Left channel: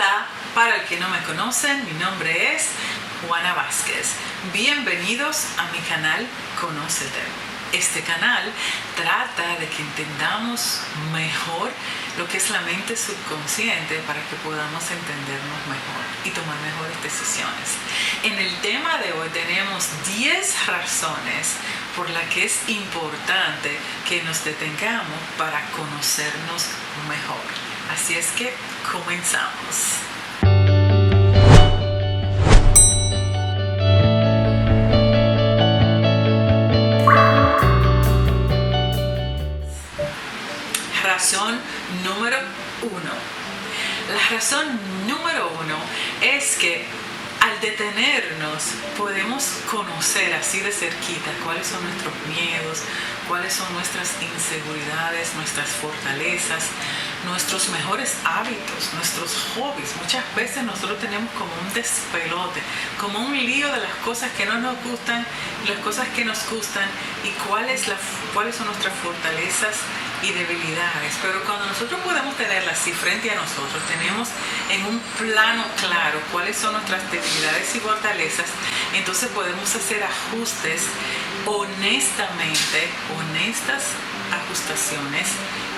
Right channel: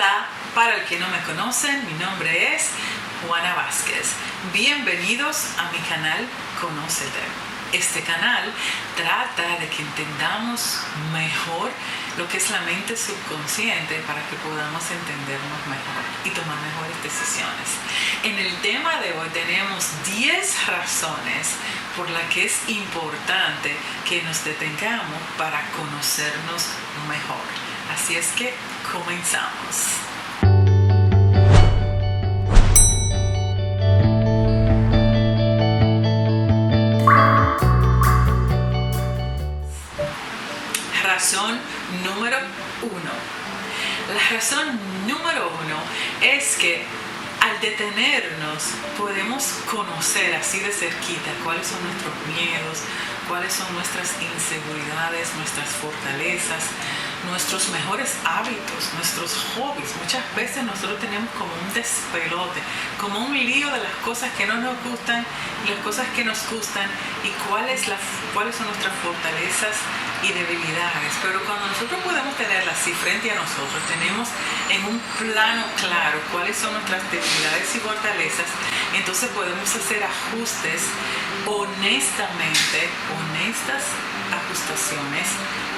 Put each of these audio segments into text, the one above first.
Hola, para el que no me conocen, mi nombre es Juana Vázquez. Bienvenidos a mi canal Conócete. Este canal trata de que entendamos mejor lo que es la mente subconsciente para que podamos entendernos mejor y tomar mejores decisiones. En el tema de hoy tenemos 10 razones por las que es importante que nos detengamos para conocernos mejor. Así es que comenzamos. Razón número 1. La razón número 1 es que al detenernos podemos conocer así de cerquita cuáles son nuestros miedos, cuáles son nuestras inseguridades, nuestras fortalezas, nuestros mejores hábitos, nuestros hobbies. Muchas veces nosotros tenemos como un despelote, como un lío de las cosas que no nos gustan y las cosas que nos gustan y cuáles son nuestras fortalezas y debilidades. Pero cuando nosotros podemos tenerlas así frente a nosotros, tenemos en un plano claro cuáles son nuestras debilidades y fortalezas, entonces podemos hacer ajustes honestas ajustaciones,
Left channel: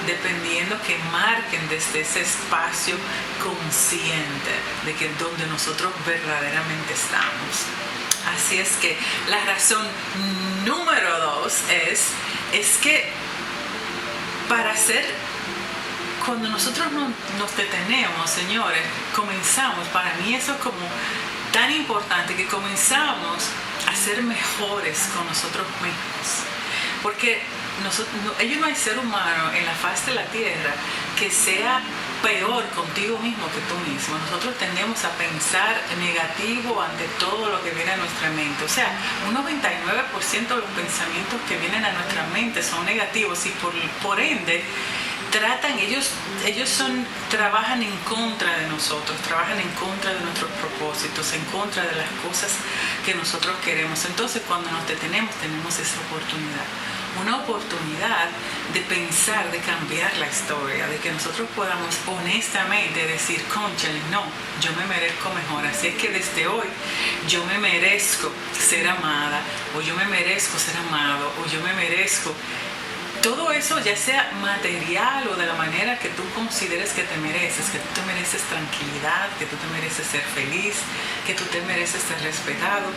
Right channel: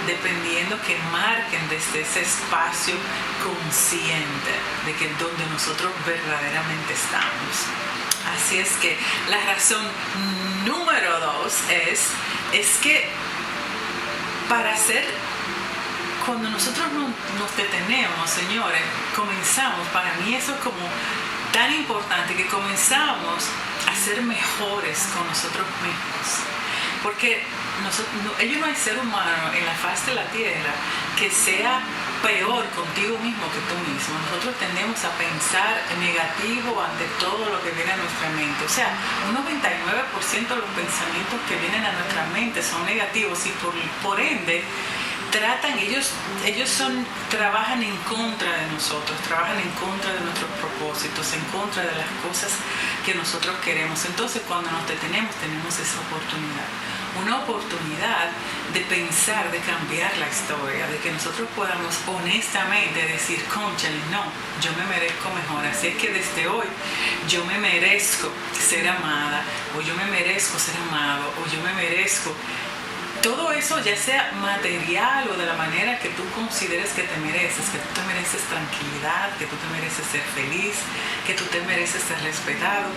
dependiendo que marquen desde ese espacio consciente de que donde nosotros verdaderamente estamos. Así es que la razón número 2 es que cuando nosotros nos detenemos, señores, comenzamos, para mí eso es como tan importante, que comenzamos a ser mejores con nosotros mismos. Porque no hay ser humano en la faz de la tierra que sea peor contigo mismo que tú mismo. Nosotros tendemos a pensar negativo ante todo lo que viene a nuestra mente. O sea, un 99% de los pensamientos que vienen a nuestra mente son negativos y por ende trabajan en contra de nosotros, trabajan en contra de nuestros propósitos, en contra de las cosas que nosotros queremos. Entonces, cuando nos detenemos, tenemos esa oportunidad. Una oportunidad de pensar, de cambiar la historia, de que nosotros podamos honestamente decir, cónchale, no, yo me merezco mejor. Así es que desde hoy yo me merezco ser amada, o yo me merezco ser amado, o yo me merezco todo eso, ya sea material o de la manera que tú consideres que te mereces, que tú te mereces tranquilidad, que tú te mereces ser feliz, que tú te mereces ser respetado.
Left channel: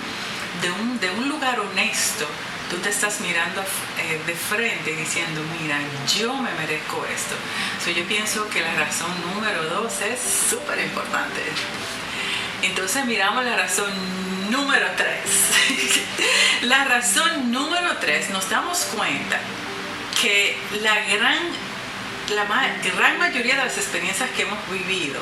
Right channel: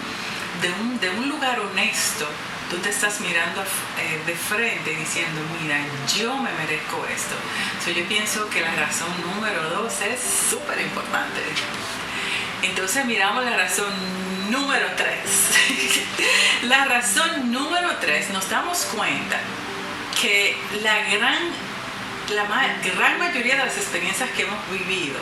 De un lugar honesto, tú te estás mirando de frente y diciendo, mira, yo me merezco esto. Yo pienso que la razón número 2 es súper importante. Entonces miramos la razón número 3. La razón número 3, nos damos cuenta que la gran mayoría de las experiencias que hemos vivido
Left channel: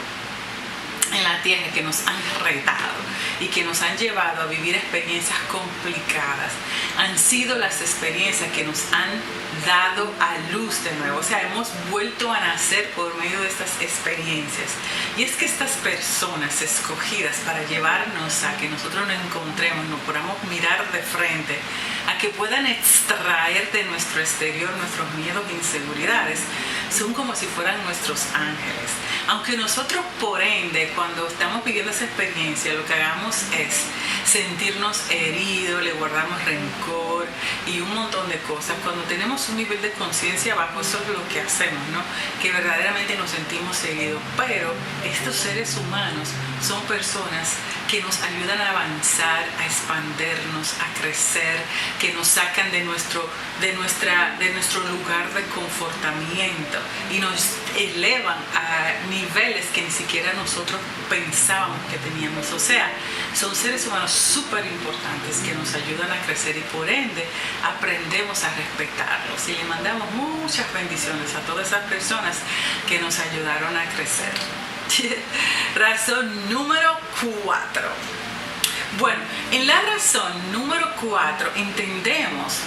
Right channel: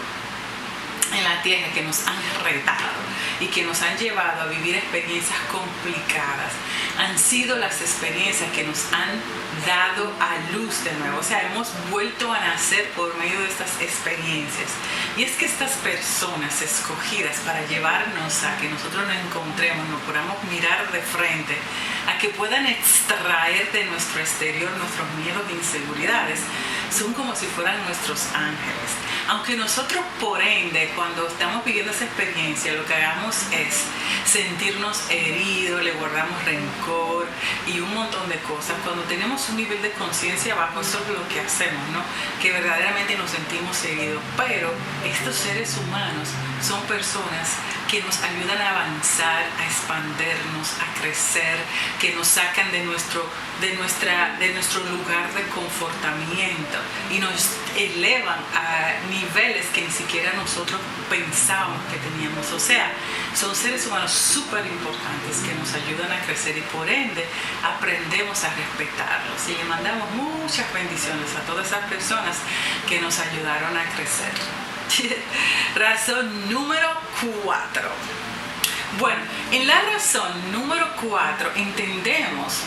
en la tierra, que nos han retado y que nos han llevado a vivir experiencias complicadas, han sido las experiencias que nos han dado a luz de nuevo. O sea, hemos vuelto a nacer por medio de estas experiencias. Y es que estas personas escogidas para llevarnos a que nosotros nos encontremos, nos podamos mirar de frente, a que puedan extraer de nuestro exterior nuestros miedos e inseguridades, son como si fueran nuestros ángeles. Aunque nosotros, por ende, cuando estamos viviendo esa experiencia, lo que hagamos es sentirnos heridos, le guardamos rencor y un montón de cosas. Cuando tenemos un nivel de conciencia bajo, eso es lo que hacemos, ¿no? Que verdaderamente nos sentimos heridos. Pero estos seres humanos son personas que nos ayudan a avanzar, a expandernos, a crecer, que nos sacan de nuestro lugar de confortamiento y nos elevan a niveles que ni siquiera nosotros pensábamos que teníamos. O sea, son seres humanos súper importantes que nos ayudan a crecer y por ende aprendemos a respetarlos. Y le mandamos muchas bendiciones a todas esas personas que nos ayudaron a crecer. Razón número 4. Bueno, en la razón número 4 entendemos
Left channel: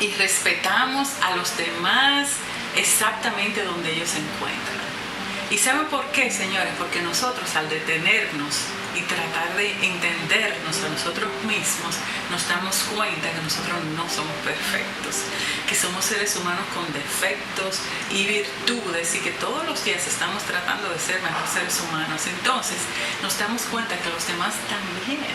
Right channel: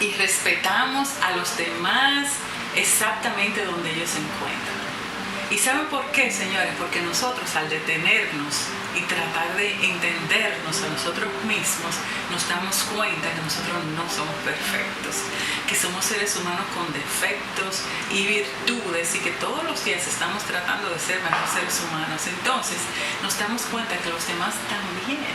y respetamos a los demás exactamente donde ellos se encuentran. ¿Y saben por qué, señores? Porque nosotros, al detenernos y tratar de entendernos a nosotros mismos, nos damos cuenta que nosotros no somos perfectos, que somos seres humanos con defectos y virtudes y que todos los días estamos tratando de ser mejores seres humanos. Entonces nos damos cuenta que los demás también,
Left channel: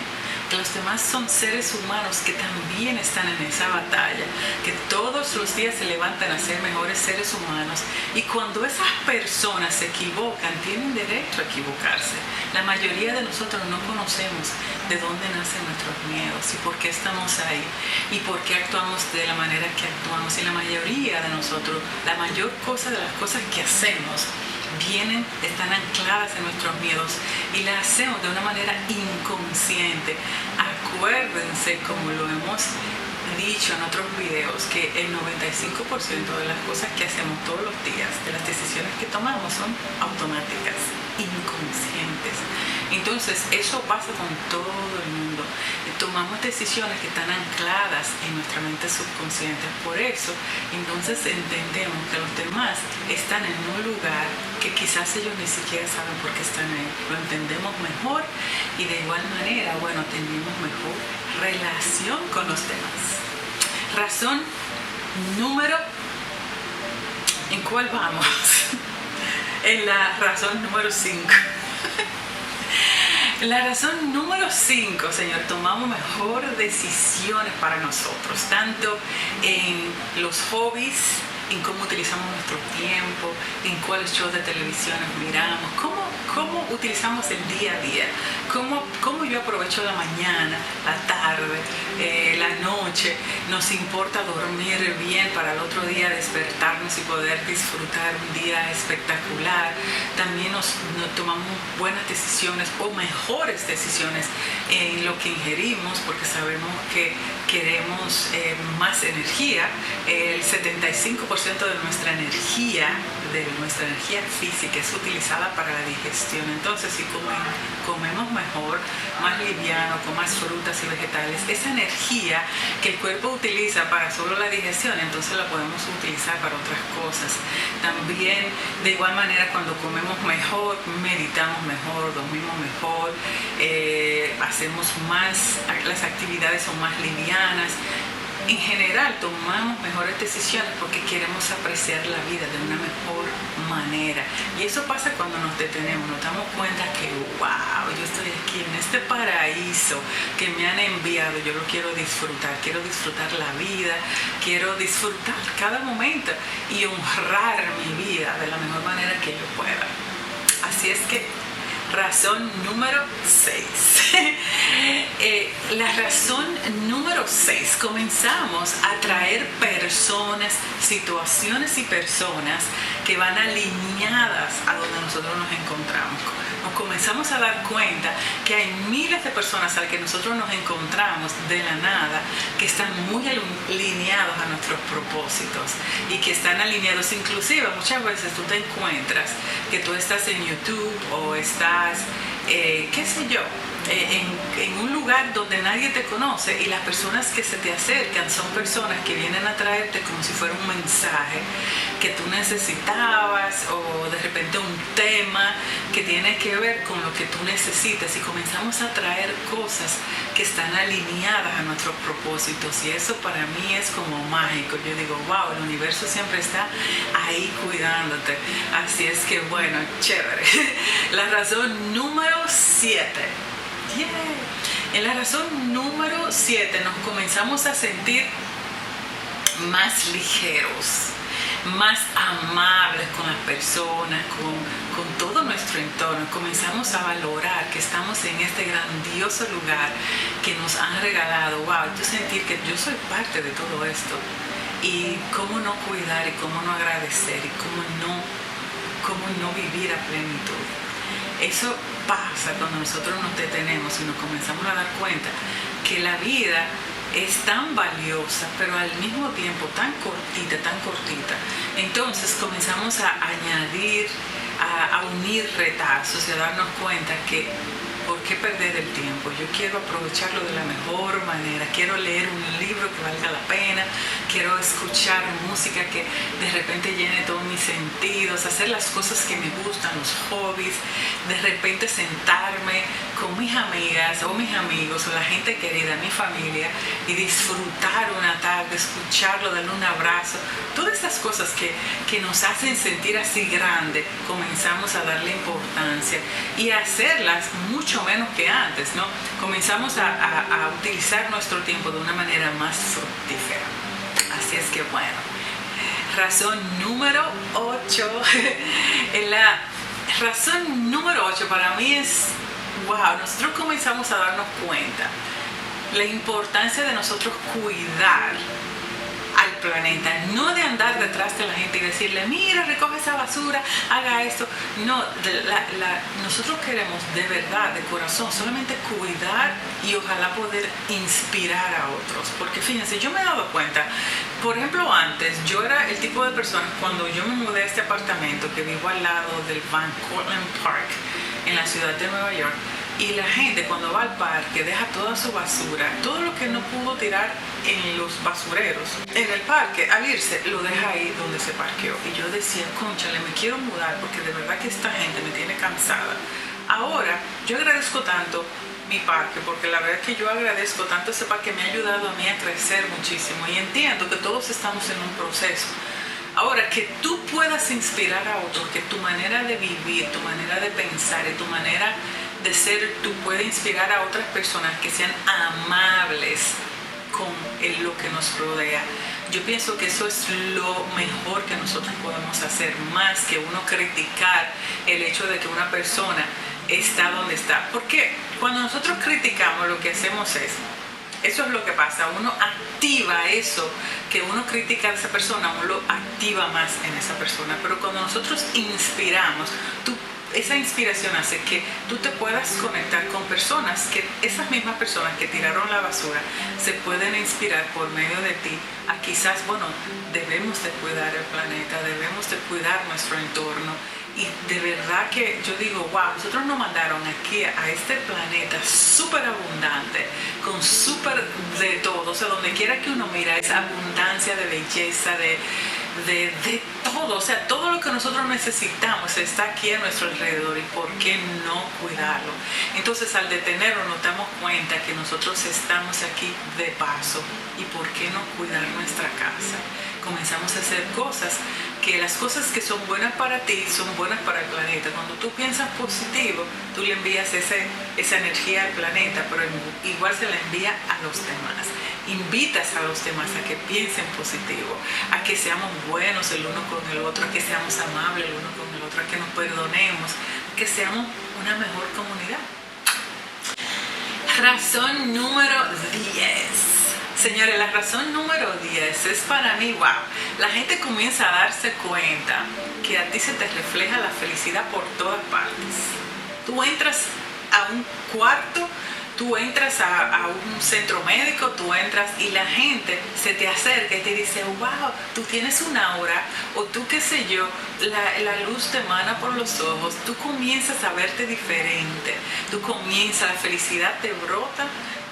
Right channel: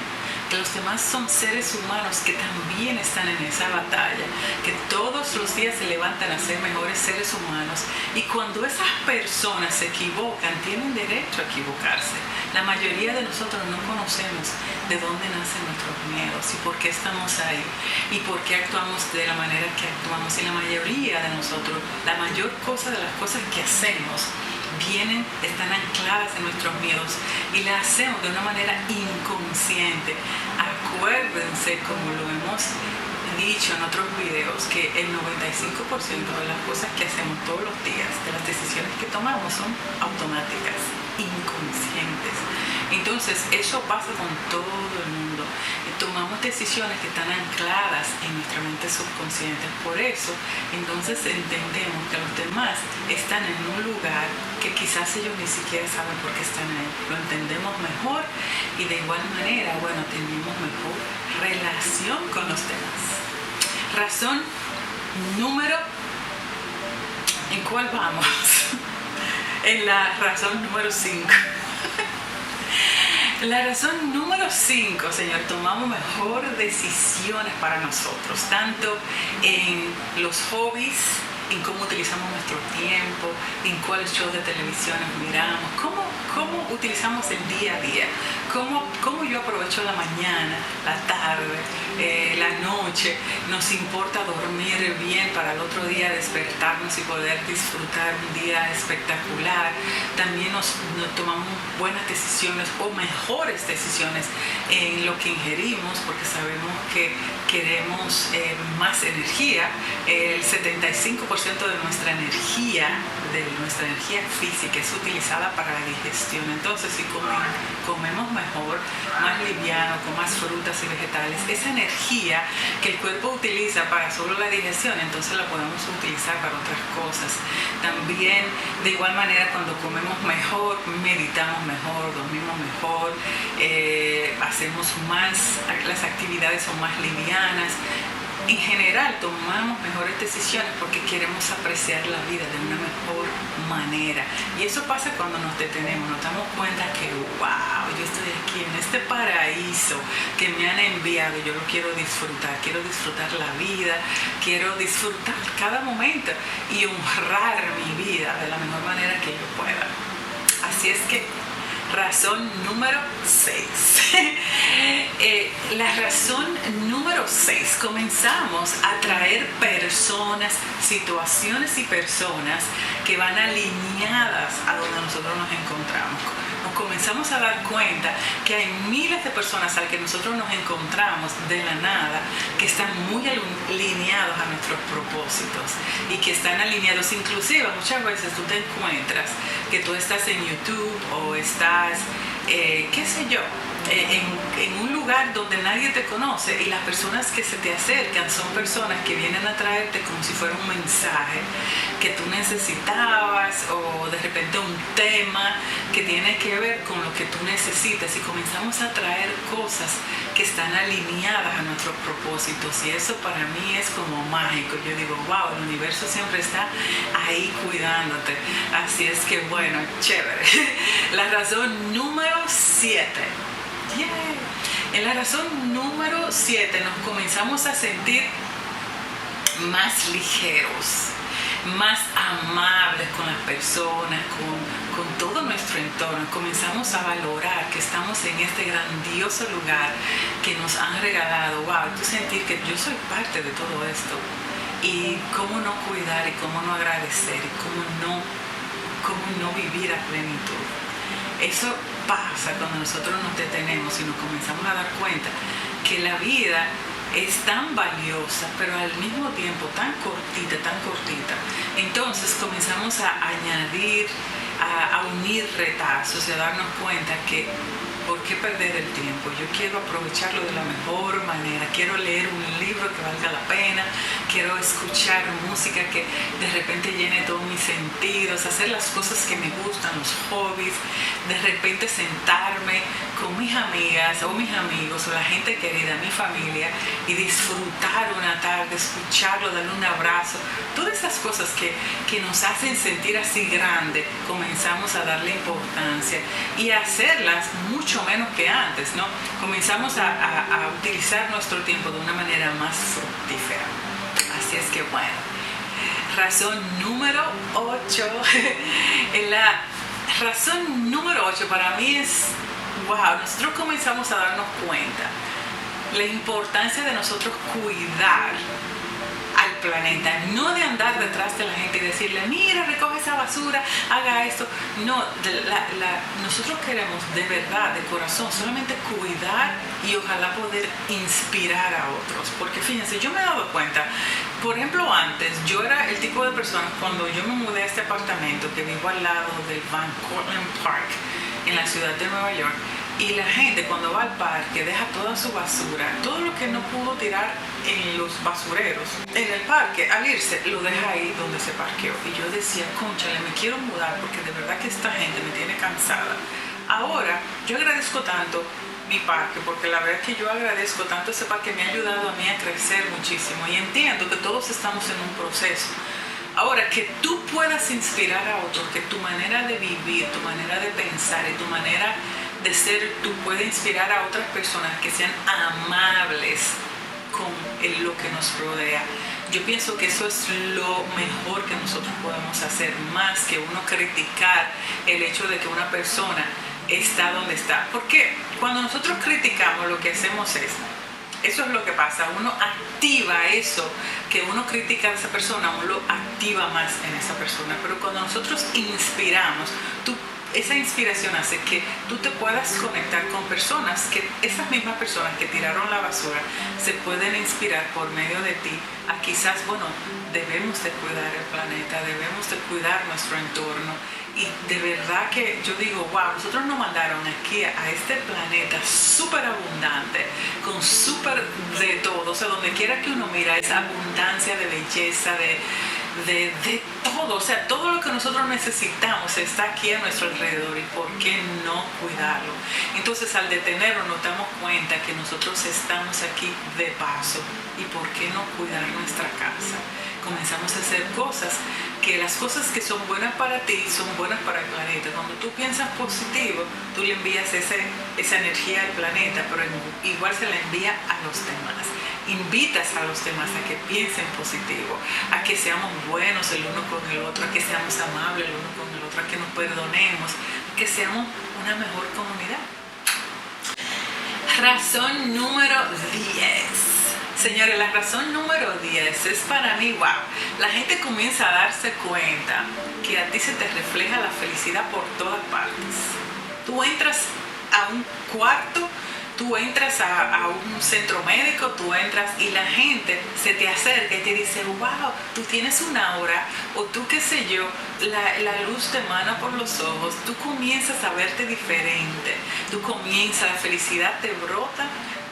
que los demás son seres humanos que también están en esa batalla, que todos los días se levantan a ser mejores seres humanos, y cuando esas personas se equivocan, tienen derecho a equivocarse. La mayoría de nosotros no conocemos de dónde nacen nuestros miedos y por qué estamos ahí y por qué actuamos de la manera que actuamos, y la mayoría de nosotros, la mayor cosa de las cosas que hacemos están ancladas en nuestros miedos y las hacemos de una manera inconsciente. Acuérdense, como lo hemos dicho en otros videos, que el 95% de las cosas que hacemos todos los días, de las decisiones que tomamos, son automáticas, inconscientes. Entonces eso pasa con todo el mundo. Tomamos decisiones que están ancladas en nuestra mente subconsciente. Por eso entonces entendemos que los demás están en un lugar que quizás ellos ni siquiera saben por qué están ahí. Lo entendemos mejor y de igual manera, bueno, tenemos mejor relación con los demás. Razón número... ¿En cuál vamos? En la razón número 5. La razón número 5, Señor, tomamos mejor decisiones para nosotros, tanto en los hobbies, en cómo utilizamos nuestro tiempo, en cuáles shows de televisión miramos, cómo utilizamos el día a día, cómo yo aprovecho la mañana, la tarde, la noche. Nos importa dormir bien para el otro día despertarnos y poder disfrutar un día espectacular. También nos tomamos buenas decisiones o mejores decisiones en lo que ingerimos, porque sabemos que queremos más energía. El 75% de nuestra energía física es utilizada para la digestión. Entonces, si comemos mejor, más liviano, con más frutas y vegetales, esa energía que el cuerpo utiliza para solo la digestión, entonces la podemos utilizar para otras cosas. También, de igual manera, cuando comemos mejor, meditamos mejor, dormimos mejor, hacemos más, las actividades son más livianas. En general tomamos mejores decisiones porque queremos apreciar la vida de una mejor manera. Y eso pasa cuando nos detenemos, nos damos cuenta que wow, yo estoy aquí en este paraíso que me han enviado, yo lo quiero disfrutar la vida, quiero disfrutar cada momento y honrar mi vida de la mejor manera que yo pueda. Así es que razón número 6. La razón número 6. Comenzamos a traer personas, situaciones y personas que van alineadas a donde nosotros nos encontramos. Nos comenzamos a dar cuenta que hay miles de personas a las que nosotros nos encontramos de la nada que están muy alineados a nuestros propósitos y que están alineados. Inclusive muchas veces tú te encuentras que tú estás en YouTube o estás, qué sé yo, en un lugar donde nadie te conoce, y las personas que se te acercan son personas que vienen a traerte como si fuera un mensaje que tú necesitabas, o de repente un tema que tiene que ver con lo que tú necesitas, y comenzamos a traer cosas que están alineadas a nuestros propósitos, y eso para mí es como mágico. Yo digo, wow, el universo siempre está ahí cuidándote. Así es que bueno, chévere. La razón número 7. Yeah. En la razón número 7 nos comenzamos a sentir más ligeros, más amables con las personas, con todo nuestro entorno. Comenzamos a valorar que estamos en este grandioso lugar que nos han regalado. Wow, yo sentir que yo soy parte de todo esto, y cómo no cuidar y cómo no agradecer y cómo no vivir a plenitud. Eso pasa cuando nosotros nos detenemos y nos comenzamos a dar cuenta que la vida es tan valiosa, pero al mismo tiempo tan cortita. Entonces comenzamos a añadir, a unir retazos y a darnos cuenta que ¿por qué perder el tiempo? Yo quiero aprovecharlo de la mejor manera. Quiero leer un libro que valga la pena. Quiero escuchar música que de repente llene todos mis sentidos. Hacer las cosas que me gustan, los hobbies. De repente sentarme con mis amigas o mis amigos o la gente querida, mi familia, y disfrutar una tarde, escucharlo, darle un abrazo. Todas esas cosas que nos hacen sentir así grande, comenzamos a darle importancia y a hacerlas mucho menos que antes, ¿no? Comenzamos a utilizar nuestro tiempo de una manera más fructífera. Así es que bueno, razón número 8. La razón número 8 para mí es, wow, nosotros comenzamos a darnos cuenta la importancia de nosotros cuidar al planeta, no de andar detrás de la gente y decirle, mira, recoge esa basura, haga esto. No, nosotros queremos de verdad, de corazón, solamente cuidar y ojalá poder inspirar a otros. Porque fíjense, yo me he dado cuenta, por ejemplo, antes yo era el tipo de persona, cuando yo me mudé a este apartamento que vivo al lado del Van Cortlandt Park en la ciudad de Nueva York, y la gente cuando va al parque deja toda su basura, todo lo que no pudo tirar en los basureros, en el parque, al irse, lo deja ahí donde se parqueó. Y yo decía, cónchale, me quiero mudar porque de verdad que esta gente me tiene cansada. Ahora, yo agradezco tanto mi parque, porque la verdad es que yo agradezco tanto ese parque, me ha ayudado a mí a crecer muchísimo y entiendo que todos estamos en un proceso. Ahora, que tú puedas inspirar a otros, que tu manera de vivir, tu manera de pensar y tu manera de ser, tú puedes inspirar a otras personas que sean amables con lo que nos rodea. Yo pienso que eso es lo mejor que nosotros podemos hacer, más que uno criticar el hecho de que una persona está donde está. Porque cuando nosotros criticamos, lo que hacemos es, eso es lo que pasa, uno activa eso que uno critica a esa persona, uno lo activa más en esa persona. Pero cuando nosotros inspiramos, esa inspiración hace que tú te puedas conectar con personas, que esas mismas personas que tiraron la basura se pueden inspirar por medio de ti a quizás, bueno, debemos de cuidar el planeta, debemos de cuidar nuestro entorno. Y de verdad que yo digo, wow, nosotros nos mandaron aquí a este planeta súper abundante, con súper de todo, o sea, donde quiera que uno mira, esa abundancia de belleza, de todo, o sea, todo lo que nosotros necesitamos está aquí a nuestro alrededor, y por qué no cuidarlo. Entonces, al detenernos nos damos cuenta que nosotros estamos aquí de paso, y por qué no cuidar nuestra casa. Comenzamos a hacer cosas, que las cosas que son buenas para ti son buenas para el planeta. Cuando tú piensas positivo, tú le envías esa energía al planeta, pero igual se la envía a los demás. Invitas a los demás a que piensen positivo, a que seamos buenos el uno con el otro, a que seamos amables el uno con el otro, a que nos perdonemos, a que seamos una mejor comunidad. Razón número 10. Señores, la razón número 10 es para mí, wow. La gente comienza a darse cuenta que a ti se te refleja la felicidad por todas partes. Tú entras a un cuarto, tú entras a un centro médico, tú entras y la gente se te acerca y te dice, wow, tú tienes un aura, o tú qué sé yo, la luz te emana por los ojos, tú comienzas a verte diferente, la felicidad te brota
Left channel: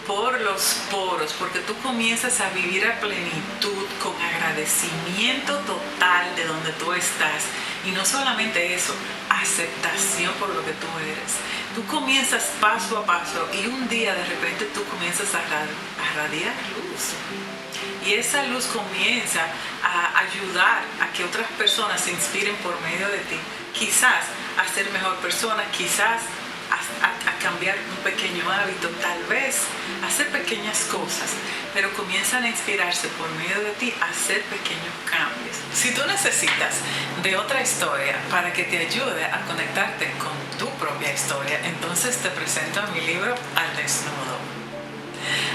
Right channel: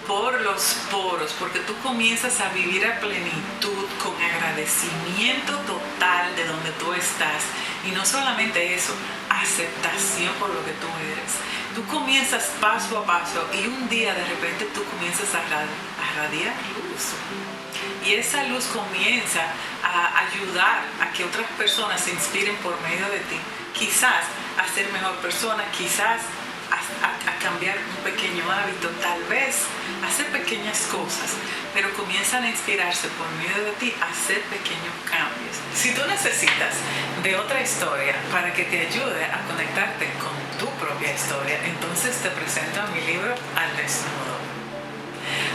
por los poros, porque tú comienzas a vivir a plenitud, con agradecimiento total de donde tú estás. Y no solamente eso, aceptación por lo que tú eres. Tú comienzas paso a paso y un día de repente tú comienzas a radiar luz. Y esa luz comienza a ayudar a que otras personas se inspiren por medio de ti. Quizás a ser mejor persona, quizás a cambiar un pequeño hábito, tal vez hacer pequeñas cosas, pero comienzan a inspirarse por medio de ti a hacer pequeños cambios. Si tú necesitas de otra historia para que te ayude a conectarte con tu propia historia, entonces te presento mi libro Al Desnudo.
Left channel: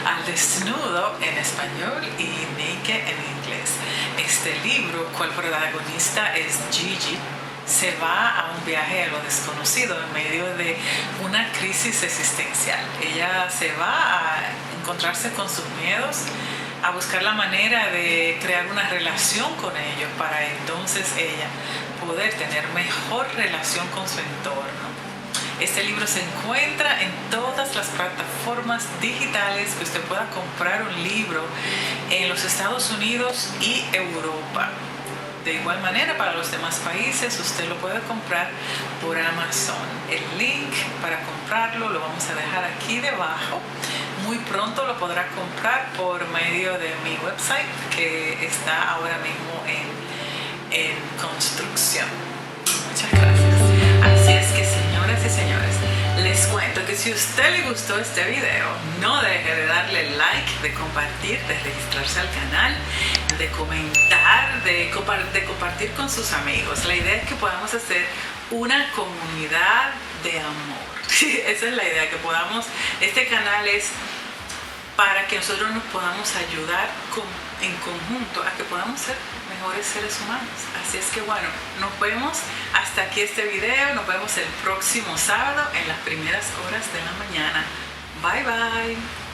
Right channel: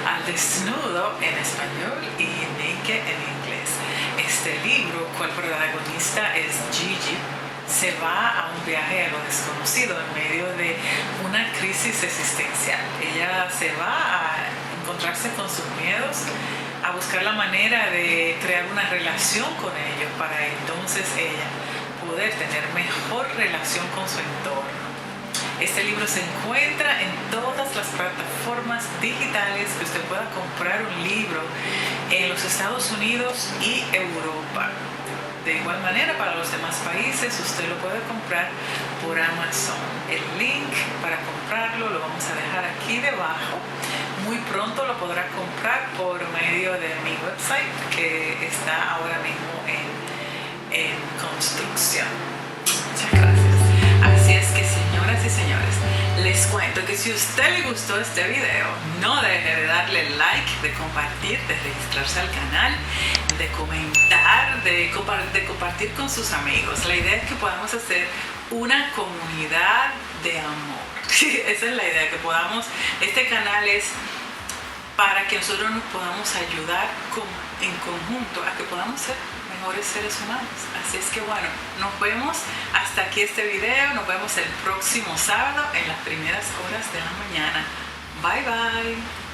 Al Desnudo en español y Naked en inglés. Este libro, cual protagonista es Gigi, se va a un viaje a lo desconocido en medio de una crisis existencial. Ella se va a encontrarse con sus miedos, a buscar la manera de crear una relación con ellos para entonces ella poder tener mejor relación con su entorno. Este libro se encuentra en todas las plataformas digitales que usted pueda comprar un libro en los Estados Unidos y Europa. De igual manera, para los demás países, usted lo puede comprar por Amazon. El link para comprarlo lo vamos a dejar aquí debajo. Muy pronto lo podrá comprar por medio de mi website, que está ahora mismo en construcción. Muchas gracias. Así es que, señoras y señores, les cuento que si a usted le gustó este video, no deje de darle like, de compartir, de registrarse al canal, de comentar, de compartir con sus amigos. La idea es que podamos hacer una comunidad de amor. Esa es la idea, que podamos, este canal es para que nosotros nos podamos ayudar en conjunto a que podamos ser mejores seres humanos. Así es que bueno, nos vemos hasta aquí este video. Nos vemos el próximo sábado en las primeras horas de la mañana. Bye bye.